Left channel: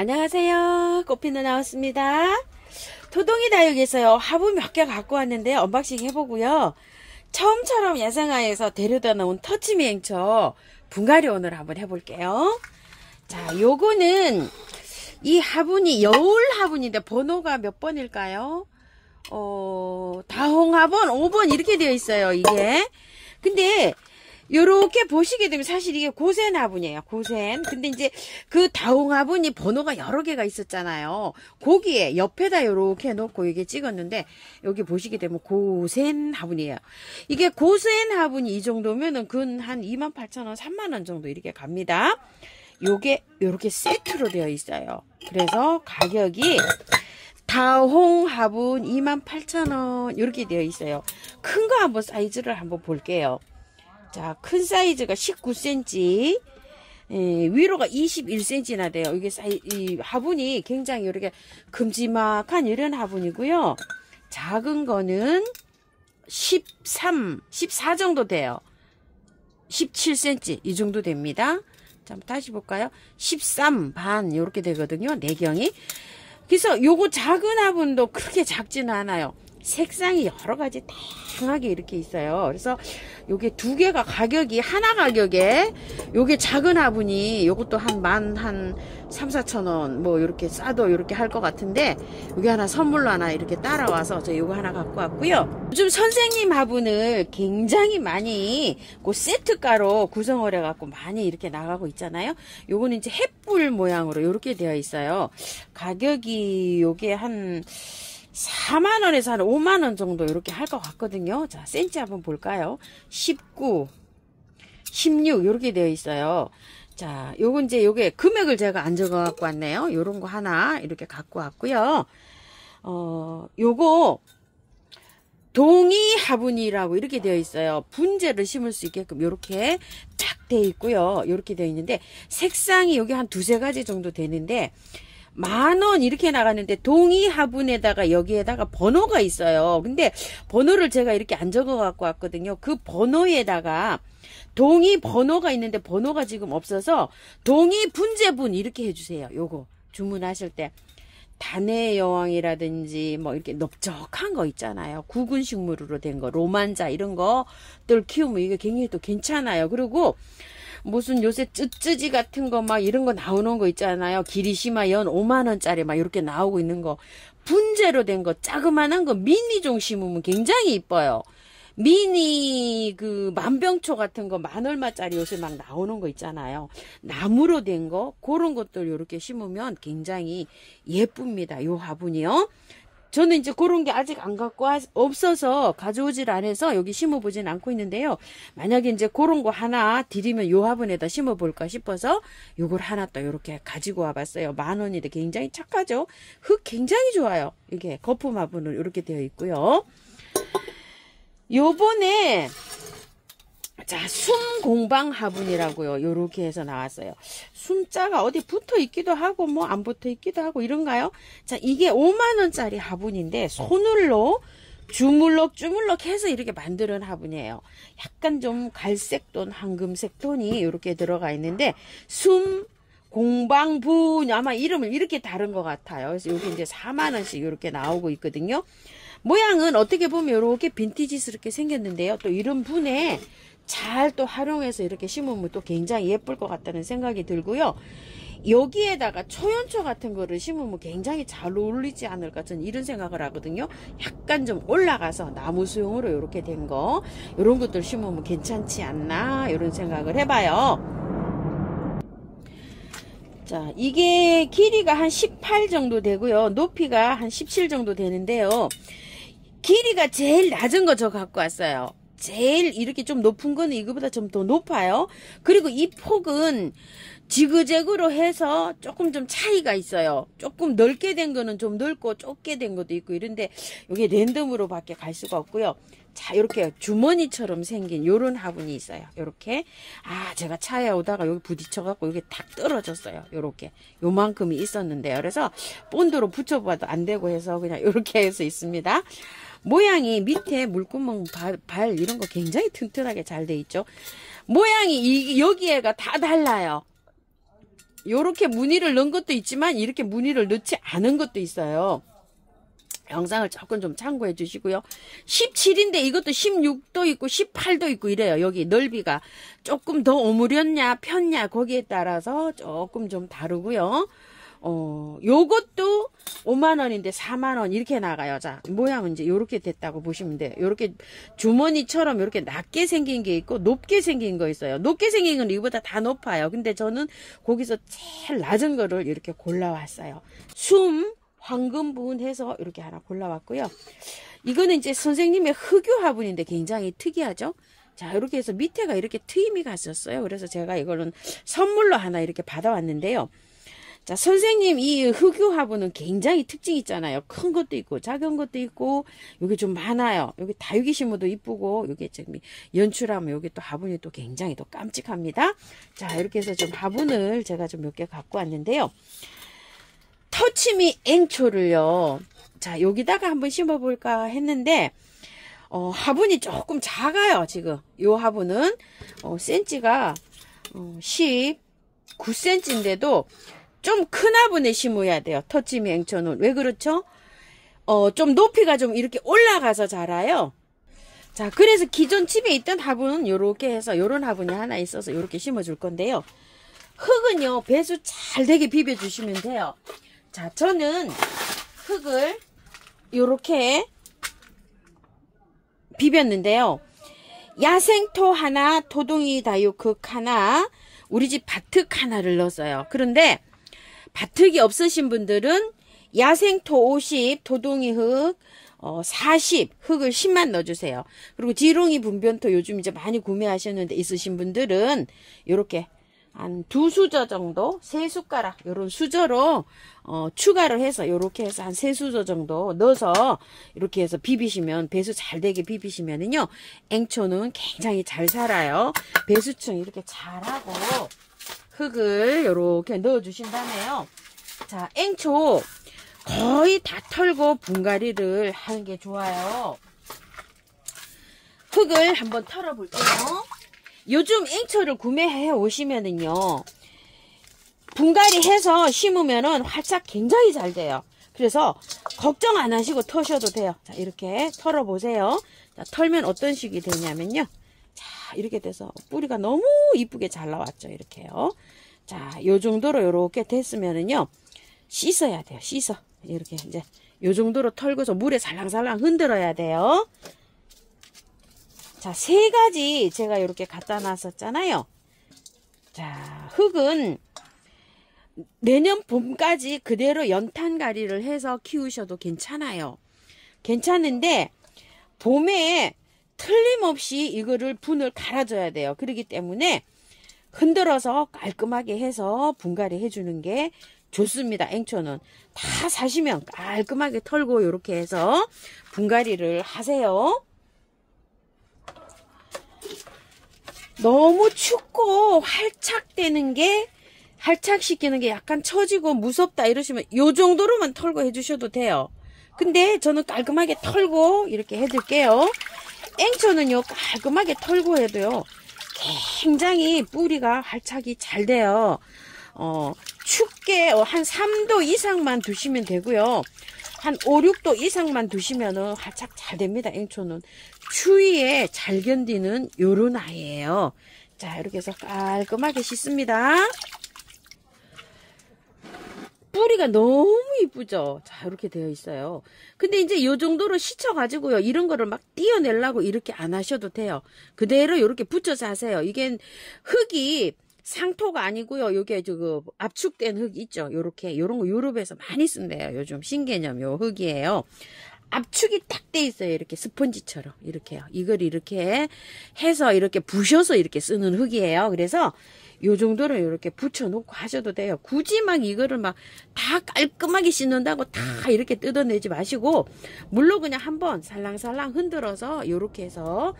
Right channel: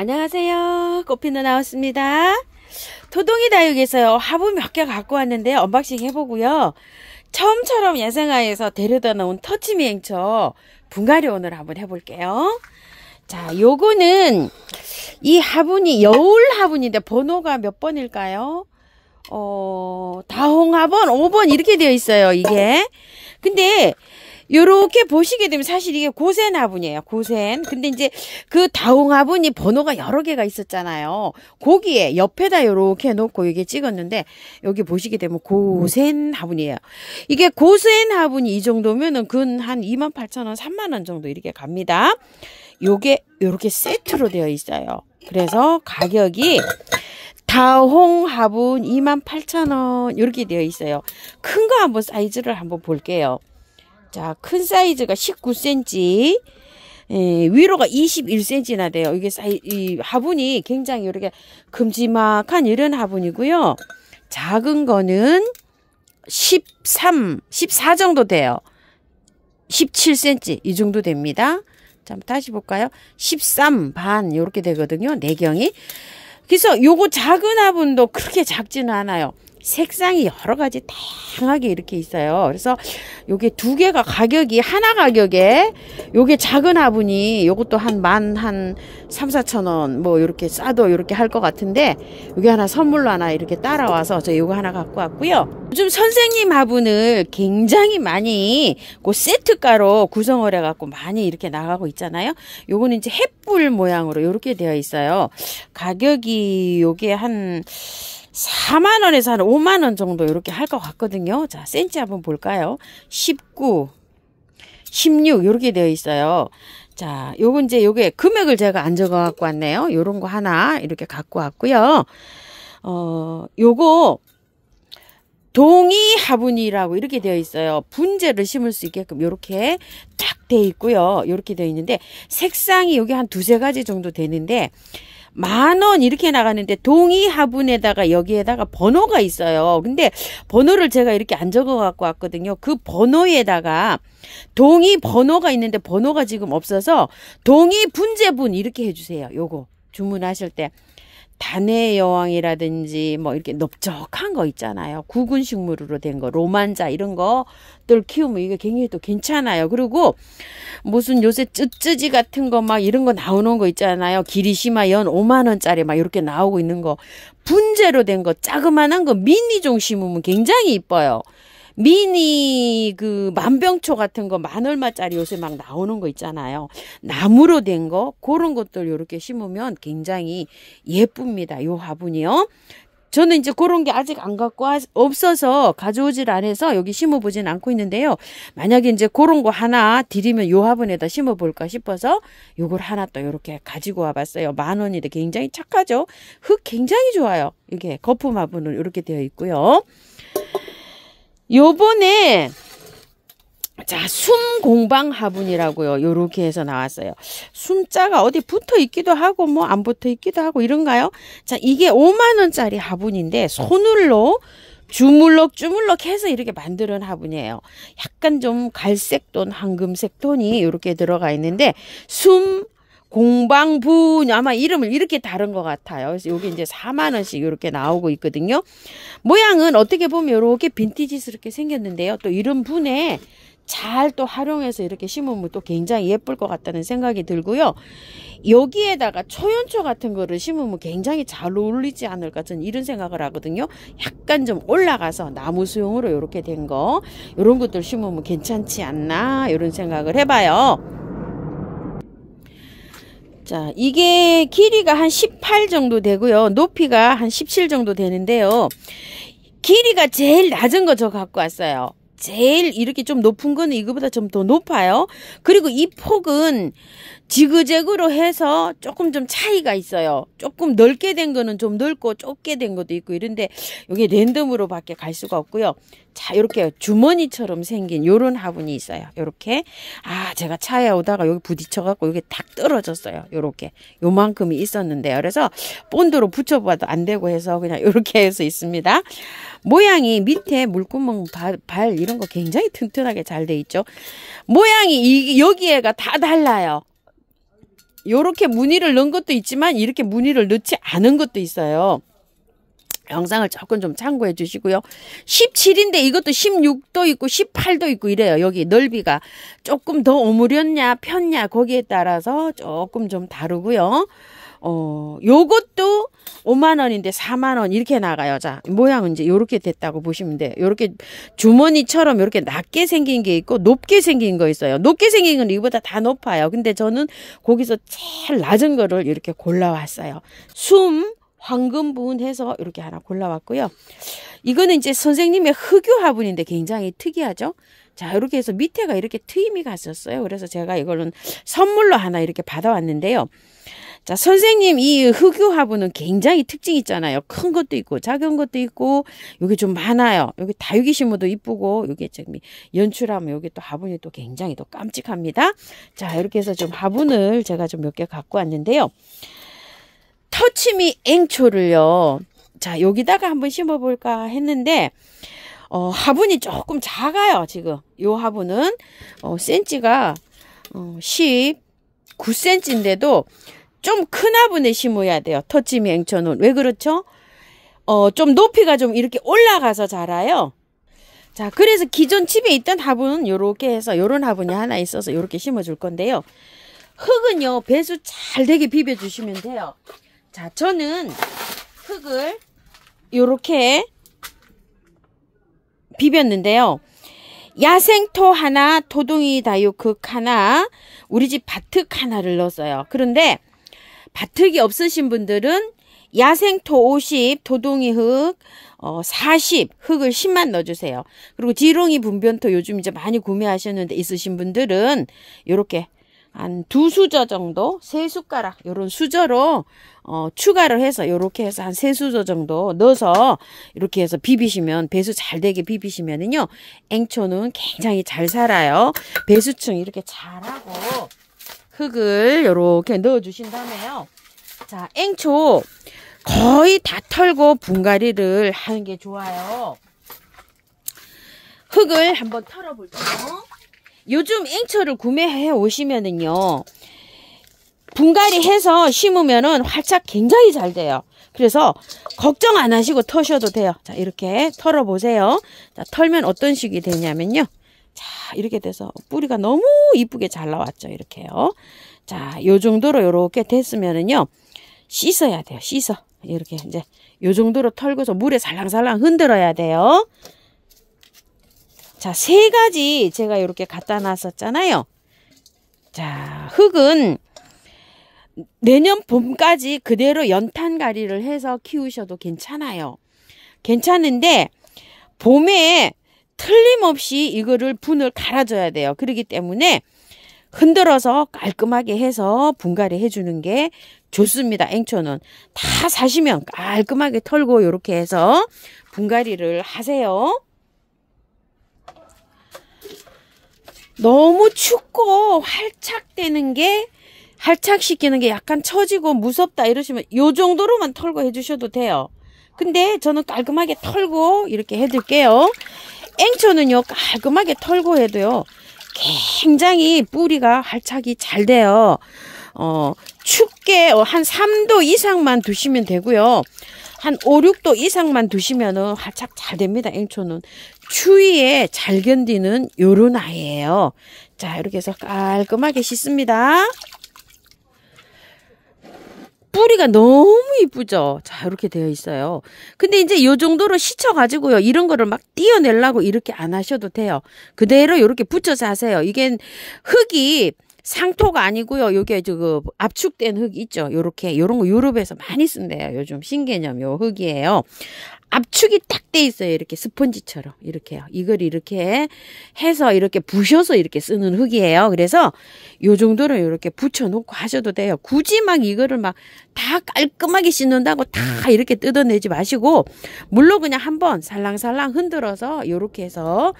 안녕하세요. 꽃피누 나왔습니다. 토동이 다육에서요 화분 몇 개 갖고 왔는데 언박싱 해보고요. 처음처럼 야생화에서 데려다 놓은 터치미행처 분갈이 오늘 한번 해볼게요. 자, 요거는 이 화분이 여울 화분인데 번호가 몇 번일까요? 다홍화분 5번 이렇게 되어 있어요. 이게 근데 요렇게 보시게 되면 사실 이게 고센 화분이에요. 고센. 근데 이제 그 다홍 화분이 번호가 여러 개가 있었잖아요. 거기에 옆에다 요렇게 놓고 이게 찍었는데 여기 보시게 되면 고센 화분이에요. 이게 고센 화분이 이 정도면은 근 한 28,000원, 30,000원 정도 이렇게 갑니다. 요게 요렇게 세트로 되어 있어요. 그래서 가격이 다홍 화분 28,000원 이렇게 되어 있어요. 큰 거 한번 사이즈를 한번 볼게요. 자, 큰 사이즈가 19cm, 위로가 21cm나 돼요. 이게 이 화분이 굉장히 이렇게 큼지막한 이런 화분이고요. 작은 거는 14 정도 돼요. 17cm 이 정도 됩니다. 자, 한번 다시 볼까요? 13 반 이렇게 되거든요. 내경이. 그래서 요거 작은 화분도 그렇게 작지는 않아요. 색상이 여러 가지 다양하게 이렇게 있어요. 그래서 요게 두 개가 가격이 하나 가격에 요게 작은 화분이 요것도 한 3,4,000원 뭐 이렇게 싸도 이렇게 할 것 같은데 요게 하나 선물로 하나 이렇게 따라와서 저 요거 하나 갖고 왔고요. 요즘 선생님 화분을 굉장히 많이 그 세트가로 구성을 해갖고 많이 이렇게 나가고 있잖아요. 요거는 이제 햇불 모양으로 이렇게 되어 있어요. 가격이 요게 한 4만원에서 한 5만원 정도 이렇게 할 것 같거든요. 자, 센치 한번 볼까요? 19, 16 이렇게 되어 있어요. 자, 요거 이제 요게 금액을 제가 안 적어 갖고 왔네요. 요런 거 하나 이렇게 갖고 왔고요. 요거 동이 화분이라고 이렇게 되어 있어요. 분재를 심을 수 있게끔 이렇게 딱 되어 있고요. 이렇게 되어 있는데 색상이 여기 한 두세 가지 정도 되는데 10,000원 이렇게 나가는데 동이 화분에다가 여기에다가 번호가 있어요. 근데 번호를 제가 이렇게 안 적어 갖고 왔거든요. 그 번호에다가 동이 번호가 있는데 번호가 지금 없어서 동이 분재분 이렇게 해주세요. 요거 주문하실 때 단의 여왕이라든지 뭐 이렇게 넓적한 거 있잖아요. 구근 식물로 된 거, 로만자 이런 거들 키우면 이게 굉장히 또 괜찮아요. 그리고 무슨 요새 쯔쯔지 같은 거 막 이런 거 나오는 거 있잖아요. 기리시마 연 5만원짜리 막 이렇게 나오고 있는 거 분재로 된 거 자그만한 거 미니종 심으면 굉장히 이뻐요. 미니 그 만병초 같은 거 10,000얼마짜리 요새 막 나오는 거 있잖아요. 나무로 된 거 그런 것들 이렇게 심으면 굉장히 예쁩니다. 요 화분이요. 저는 이제 그런 게 아직 안 갖고 없어서 가져오질 않아서 여기 심어보진 않고 있는데요. 만약에 이제 그런 거 하나 드리면 요 화분에다 심어볼까 싶어서 요걸 하나 또 이렇게 가지고 와봤어요. 10,000원인데 굉장히 착하죠. 흙 굉장히 좋아요. 이게 거품 화분은 이렇게 되어 있고요. 요번에 자, 숨공방 화분이라고요. 요렇게 해서 나왔어요. 숨자가 어디 붙어 있기도 하고 뭐 안 붙어 있기도 하고 이런가요? 자, 이게 5만원짜리 화분인데 손으로 주물럭 해서 이렇게 만드는 화분이에요. 약간 좀 갈색 톤, 황금색 톤이 이렇게 들어가 있는데 숨공방분 아마 이름을 이렇게 다른 것 같아요. 그래서 여기 이제 4만원씩 이렇게 나오고 있거든요. 모양은 어떻게 보면 이렇게 빈티지스럽게 생겼는데요. 또 이런 분에 잘 또 활용해서 이렇게 심으면 또 굉장히 예쁠 것 같다는 생각이 들고요. 여기에다가 초연초 같은 거를 심으면 굉장히 잘 어울리지 않을까 저는 이런 생각을 하거든요. 약간 좀 올라가서 나무 수용으로 이렇게 된 거 이런 것들 심으면 괜찮지 않나 이런 생각을 해봐요. 자, 이게 길이가 한 18 정도 되고요. 높이가 한 17 정도 되는데요. 길이가 제일 낮은 거 저 갖고 왔어요. 제일 이렇게 좀 높은 거는 이거보다 좀 더 높아요. 그리고 이 폭은 지그재그로 해서 조금 좀 차이가 있어요. 조금 넓게 된 거는 좀 넓고 좁게 된 것도 있고 이런데 이게 랜덤으로 밖에 갈 수가 없고요. 자, 이렇게 주머니처럼 생긴 요런 화분이 있어요. 요렇게. 아, 제가 차에 오다가 여기 부딪혀갖고 여기 탁 떨어졌어요. 요렇게. 요만큼이 있었는데요. 그래서 본드로 붙여봐도 안 되고 해서 그냥 요렇게 해서 있습니다. 모양이 밑에 물구멍 발 이런 거 굉장히 튼튼하게 잘 돼 있죠. 모양이 여기에가 다 달라요. 요렇게 무늬를 넣은 것도 있지만 이렇게 무늬를 넣지 않은 것도 있어요. 영상을 조금 좀 참고해 주시고요. 17인데 이것도 16도 있고 18도 있고 이래요. 여기 넓이가 조금 더 오므렸냐 폈냐 거기에 따라서 조금 좀 다르고요. 요것도 5만원인데 4만원 이렇게 나가요. 자, 모양은 이제 요렇게 됐다고 보시면 돼요. 요렇게 주머니처럼 요렇게 낮게 생긴 게 있고 높게 생긴 거 있어요. 높게 생긴 건 이거보다 다 높아요. 근데 저는 거기서 제일 낮은 거를 이렇게 골라왔어요. 황금 부분 해서 이렇게 하나 골라왔고요. 이거는 이제 선생님의 흑유 화분인데 굉장히 특이하죠. 자, 이렇게 해서 밑에가 이렇게 트임이 갔었어요. 그래서 제가 이거는 선물로 하나 이렇게 받아왔는데요. 자, 선생님 이 흑유 화분은 굉장히 특징이 있잖아요. 큰 것도 있고 작은 것도 있고 여기 좀 많아요. 여기 다육이 심어도 이쁘고 여기 연출하면 여기 또 화분이 또 굉장히 또 깜찍합니다. 자, 이렇게 해서 좀 화분을 제가 좀 몇 개 갖고 왔는데요. 터치미 앵초를요. 자, 여기다가 한번 심어볼까 했는데 화분이 조금 작아요. 지금 요 화분은 센치가 19cm인데도 좀 큰 화분에 심어야 돼요. 터치미 앵초는. 왜 그렇죠? 좀 높이가 좀 이렇게 올라가서 자라요. 자, 그래서 기존 집에 있던 화분은 요렇게 해서 요런 화분이 하나 있어서 요렇게 심어줄 건데요. 흙은요, 배수 잘 되게 비벼주시면 돼요. 자, 저는 흙을 요렇게 비볐는데요. 야생토 하나, 토둥이 다육흙 하나, 우리 집 밭흙 하나를 넣었어요. 그런데 밭흙이 없으신 분들은 야생토 50, 토둥이 흙 40, 흙을 10만 넣어주세요. 그리고 지렁이 분변토 요즘 이제 많이 구매하셨는데 있으신 분들은 요렇게 한 2수저 정도, 3숟가락 요런 수저로 추가를 해서 요렇게 해서 한 3수저 정도 넣어서 이렇게 해서 비비시면 배수 잘 되게 비비시면은요 앵초는 굉장히 잘 살아요. 배수층 이렇게 잘하고 흙을 요렇게 넣어 주신다네요. 자, 앵초 거의 다 털고 분갈이를 하는 게 좋아요. 흙을 한번 털어 볼게요. 요즘 앵초를 구매해 오시면은요 분갈이 해서 심으면은 활착 굉장히 잘 돼요. 그래서 걱정 안 하시고 터셔도 돼요. 자, 이렇게 털어 보세요. 자, 털면 어떤 식이 되냐면요. 자, 이렇게 돼서 뿌리가 너무 이쁘게 잘 나왔죠. 이렇게요. 자, 요 정도로 요렇게 됐으면은요 씻어야 돼요. 씻어. 이렇게 이제 요 정도로 털고서 물에 살랑살랑 흔들어야 돼요. 자, 3가지 제가 이렇게 갖다 놨었잖아요. 자, 흙은 내년 봄까지 그대로 연탄가리를 해서 키우셔도 괜찮아요. 괜찮은데 봄에 틀림없이 이거를 분을 갈아줘야 돼요. 그렇기 때문에 흔들어서 깔끔하게 해서 분갈이 해주는 게 좋습니다. 앵초는 다 사시면 깔끔하게 털고 이렇게 해서 분갈이를 하세요. 너무 춥고 활착시키는 게 약간 처지고 무섭다 이러시면 요 정도로만 털고 해주셔도 돼요. 근데 저는 깔끔하게 털고 이렇게 해드릴게요. 앵초는요 깔끔하게 털고 해도요 굉장히 뿌리가 활착이 잘 돼요. 춥게 한 3도 이상만 두시면 되고요. 한 5, 6도 이상만 두시면은 활착 잘 됩니다. 앵초는 추위에 잘 견디는 요런 아이예요. 자, 이렇게 해서 깔끔하게 씻습니다. 뿌리가 너무 이쁘죠? 자, 이렇게 되어 있어요. 근데 이제 요 정도로 씻어가지고요. 이런 거를 막 띄어내려고 이렇게 안 하셔도 돼요. 그대로 이렇게 붙여서 하세요. 이게 흙이 상토가 아니고요. 요게 압축된 흙 있죠. 요렇게 요런 거 유럽에서 많이 쓴대요. 요즘 신개념 요 흙이에요. 압축이 딱 돼 있어요. 이렇게 스펀지처럼 이렇게요. 이걸 이렇게 해서 이렇게 부셔서 이렇게 쓰는 흙이에요. 그래서 요 정도로 이렇게 붙여 놓고 하셔도 돼요. 굳이 막 이거를 막 다 깔끔하게 씻는다고 다 이렇게 뜯어내지 마시고 물로 그냥 한번 살랑살랑 흔들어서 요렇게 해서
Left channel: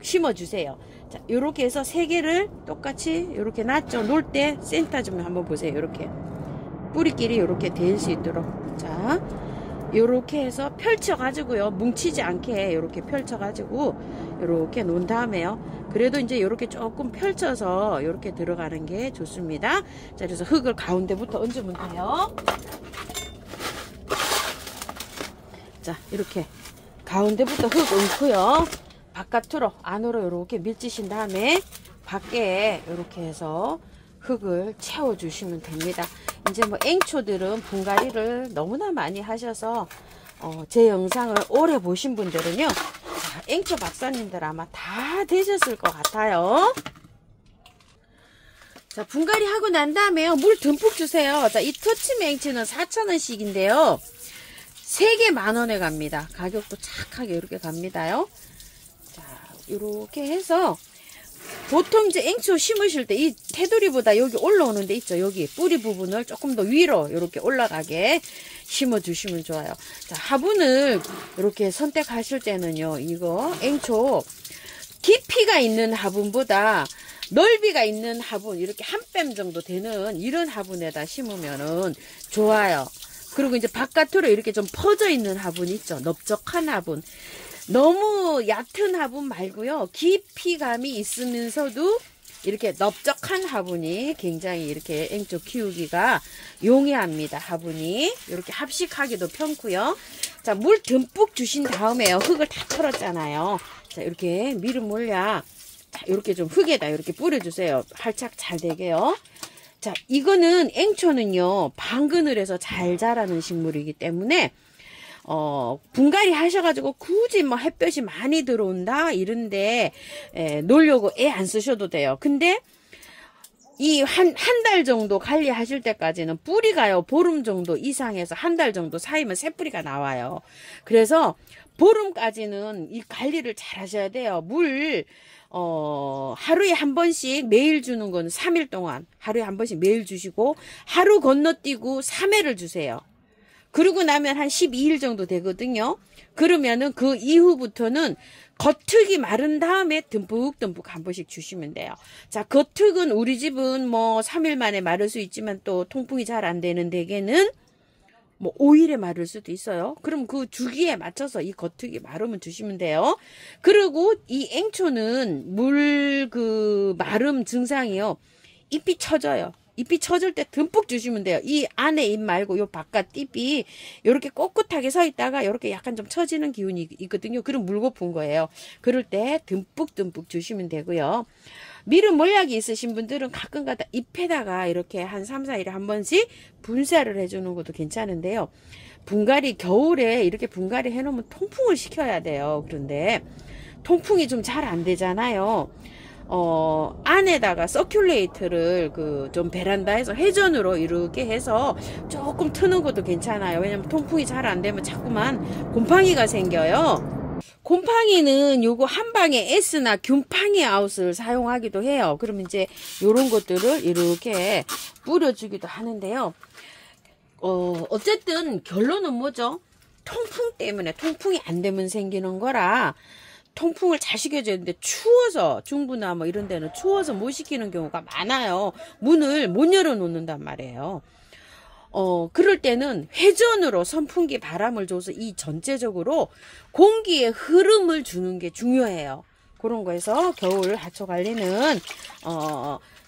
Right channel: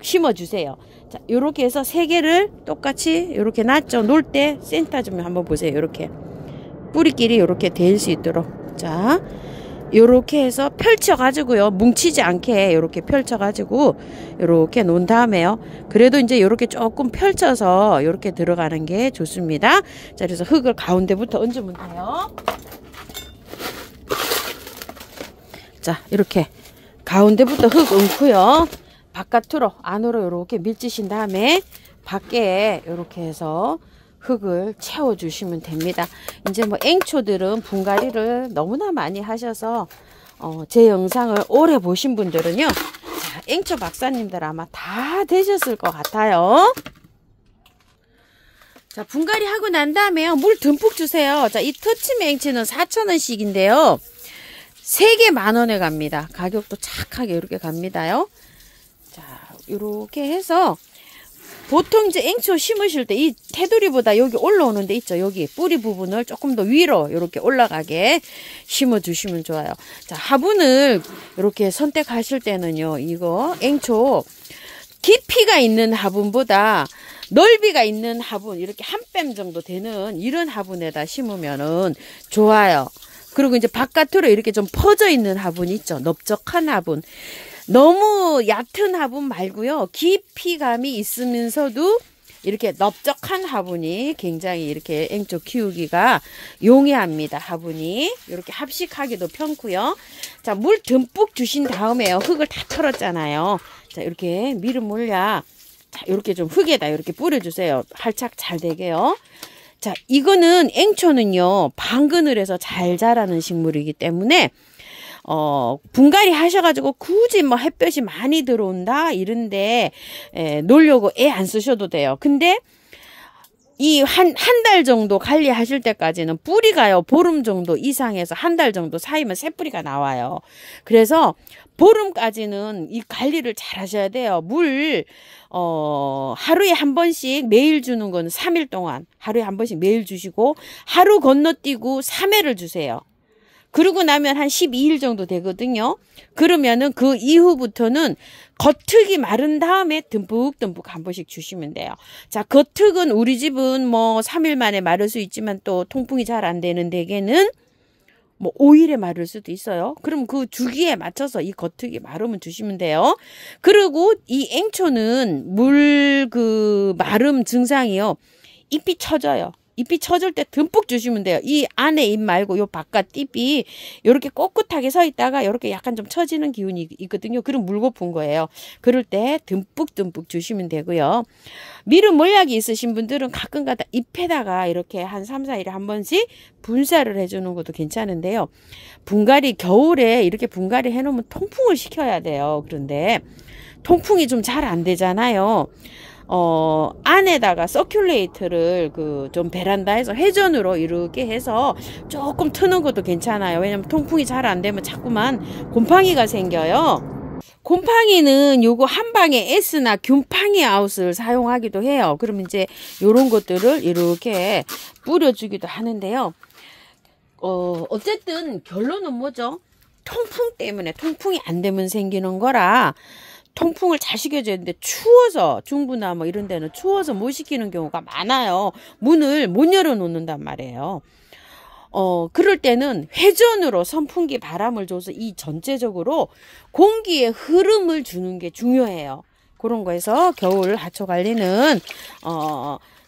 심어 주세요. 자, 요렇게 해서 3개를 똑같이 요렇게 놨죠. 놓을 때 센터 좀 한번 보세요. 요렇게 뿌리끼리 요렇게 될 수 있도록. 자, 요렇게 해서 펼쳐 가지고요, 뭉치지 않게 요렇게 펼쳐 가지고 요렇게 놓은 다음에요, 그래도 이제 요렇게 조금 펼쳐서 요렇게 들어가는 게 좋습니다. 자, 그래서 흙을 가운데부터 얹으면 돼요. 자, 이렇게 가운데부터 흙 얹고요, 바깥으로 안으로 요렇게 밀지신 다음에 밖에 요렇게 해서 흙을 채워 주시면 됩니다. 이제 뭐 앵초들은 분갈이를 너무나 많이 하셔서 제 영상을 오래 보신 분들은요, 자, 앵초 박사님들 아마 다 되셨을 것 같아요. 자, 분갈이 하고 난 다음에 물 듬뿍 주세요. 자, 이 터치미 앵치는 4,000원씩인데요 3개 만원에 갑니다. 가격도 착하게 이렇게 갑니다요. 자, 이렇게 해서 보통 이제 앵초 심으실 때 이 테두리보다 여기 올라오는 데 있죠, 여기 뿌리 부분을 조금 더 위로 이렇게 올라가게 심어 주시면 좋아요. 자, 화분을 이렇게 선택하실 때는요, 이거 앵초 깊이가 있는 화분보다 넓이가 있는 화분, 이렇게 한 뼘 정도 되는 이런 화분에다 심으면은 좋아요. 그리고 이제 바깥으로 이렇게 좀 퍼져 있는 화분 있죠, 넓적한 화분, 너무 얕은 화분 말고요, 깊이감이 있으면서도 이렇게 넓적한 화분이 굉장히 이렇게 앵초 키우기가 용이합니다. 화분이 이렇게 합식하기도 편고요. 자, 물 듬뿍 주신 다음에요, 흙을 다 털었잖아요. 자, 이렇게 미름 몰약, 자, 이렇게 좀 흙에다 이렇게 뿌려주세요. 활착 잘 되게요. 자, 이거는 앵초는요, 방근을 해서 잘 자라는 식물이기 때문에 분갈이 하셔가지고 굳이 뭐 햇볕이 많이 들어온다 이런데 놓으려고 애 안 쓰셔도 돼요. 근데 이 한 달 정도 관리하실 때까지는 뿌리가요, 보름 정도 이상에서 한 달 정도 사이면 새 뿌리가 나와요. 그래서 보름까지는 이 관리를 잘 하셔야 돼요. 물 하루에 한 번씩 매일 주는 건 3일 동안 하루에 한 번씩 매일 주시고, 하루 건너뛰고 3회를 주세요. 그러고 나면 한 12일 정도 되거든요. 그러면은 그 이후부터는 겉흙이 마른 다음에 듬뿍듬뿍 한 번씩 주시면 돼요. 자, 겉흙은 우리 집은 뭐 3일 만에 마를 수 있지만 또 통풍이 잘 안 되는 데에는 뭐 5일에 마를 수도 있어요. 그럼 그 주기에 맞춰서 이 겉흙이 마르면 주시면 돼요. 그리고 이 앵초는 물 마름 증상이요, 잎이 처져요. 잎이 처질 때 듬뿍 주시면 돼요. 이 안에 잎 말고 요 바깥 잎이 이렇게 꼿꼿하게 서 있다가 이렇게 약간 좀 처지는 기운이 있거든요. 그럼 물고픈 거예요. 그럴 때 듬뿍듬뿍 주시면 되고요. 미름 몰약이 있으신 분들은 가끔가다 잎에다가 이렇게 한 3, 4일에 한 번씩 분사를 해주는 것도 괜찮은데요. 분갈이 겨울에 이렇게 분갈이 해놓으면 통풍을 시켜야 돼요. 그런데 통풍이 좀 잘 안 되잖아요. 안에다가 서큘레이터를 좀 베란다에서 회전으로 이렇게 해서 조금 트는 것도 괜찮아요. 왜냐면 통풍이 잘 안 되면 자꾸만 곰팡이가 생겨요. 곰팡이는 요거 한방에 S나 균팡이 아웃을 사용하기도 해요. 그러면 이제 요런 것들을 이렇게 뿌려주기도 하는데요. 어쨌든 결론은 뭐죠? 통풍 때문에, 통풍이 안 되면 생기는 거라 통풍을 잘 시켜줘야 되는데, 추워서, 중부나 뭐 이런 데는 추워서 못 시키는 경우가 많아요. 문을 못 열어 놓는단 말이에요. 그럴 때는 회전으로 선풍기 바람을 줘서 이 전체적으로 공기의 흐름을 주는 게 중요해요. 그런 거에서 겨울 하초 관리는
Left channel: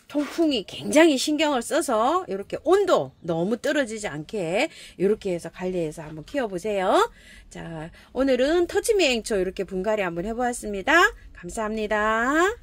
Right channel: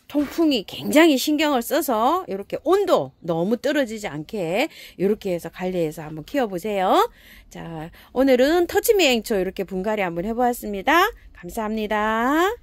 통풍이 굉장히 신경을 써서 이렇게 온도 너무 떨어지지 않게 이렇게 해서 관리해서 한번 키워보세요. 자, 오늘은 터치미 앵초 이렇게 분갈이 한번 해보았습니다. 감사합니다.